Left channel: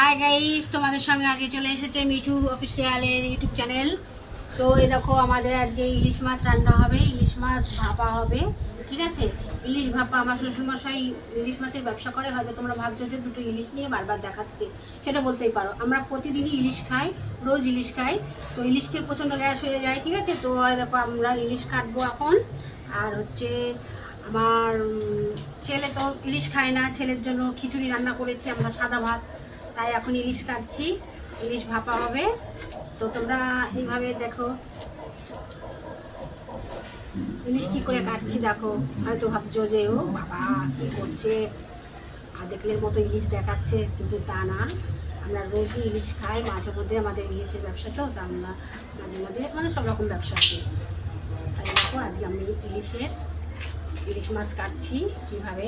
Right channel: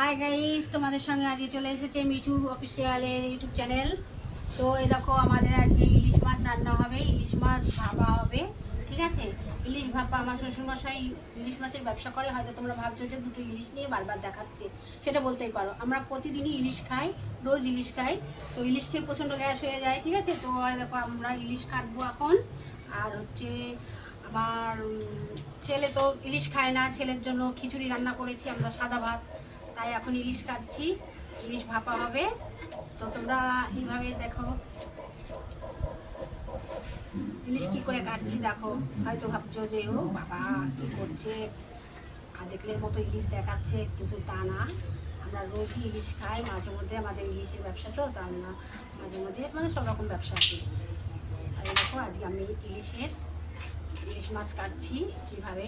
Hi guys তোমাদের সঙ্গে আজকে চলে এসেছে মিঠু অফিসিয়ালের ইউটিউব চ্যানেল তো এই দেখো, আমাদের আজকে ইলিশ মাছ রান্না হবে, ইলিশ মাছ ভাপা হবে, ঠিক আছে? ইলিশ ভাপা, আমার শ্বশুরমশাই ইলিশ মাছের ব্যবসা করে, হয়তো তোমরা ভাবছ যে দুটো ইলিশ নিয়ে বারবার দেখাচ্ছি। সেটা বলতেই পারো। আমরা প্রতিদিনই ইলিশ খাই, রোজ ইলিশ খাই। তো ইলিশ খেয়ে প্রচণ্ড গ্যাস হয়ে যায়, ঠিক আছে? তো দেখো, আমরা ইলিশ কাটবো এখন। আর হচ্ছে আমার ছেলে তো ইলিশ খায় না, ছেলের জন্য খিচুড়ি রান্না করেছি আমরা সাদা ভাত। তাই এখন ইলিশ কাটছি। ইলিশ ভাপা হবে। তো তোমরা এইভাবে দেখো। ইলিশ কি করে কাটছি দেখো। হয়তো ভাবছ যে, ও বাবা, কি করছে? আধেকলের মতো ইলিশ দেখাচ্ছে, কিন্তু তা না। আমরা রোজই ইলিশ খাই, মাঝে মধ্যে আমাদের ইলিশের ব্যবসা তো, তা আমরা মাঝে মধ্যে মানে সব রকম ব্যবসা আছে। তাই দেখো, আজকে আমি ইলিশের ইলিশ মাছ কাটছি কীভাবে।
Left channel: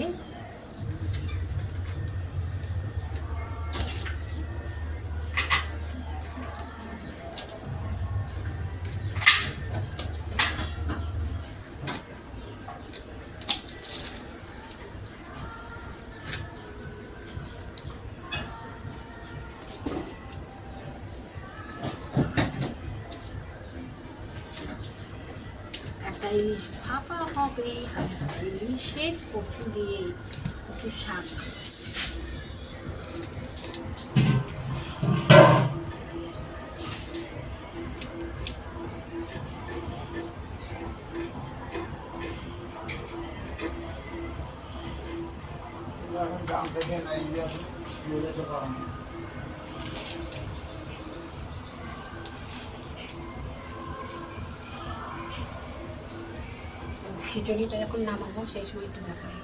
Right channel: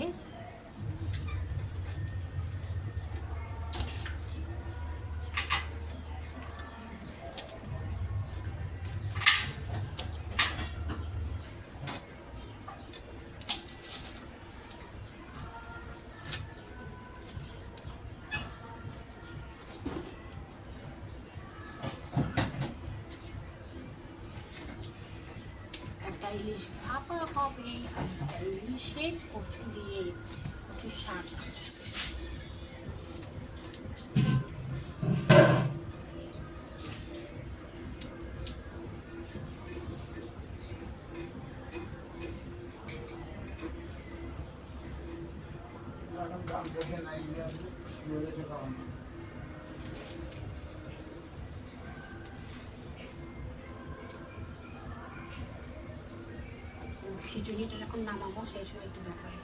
ইলিশ ভাপা হবে ইলিশের কচু দিয়ে কচু শাক খিচুড়িটা যখন নামাবো সেই সময় একটু দেখাবো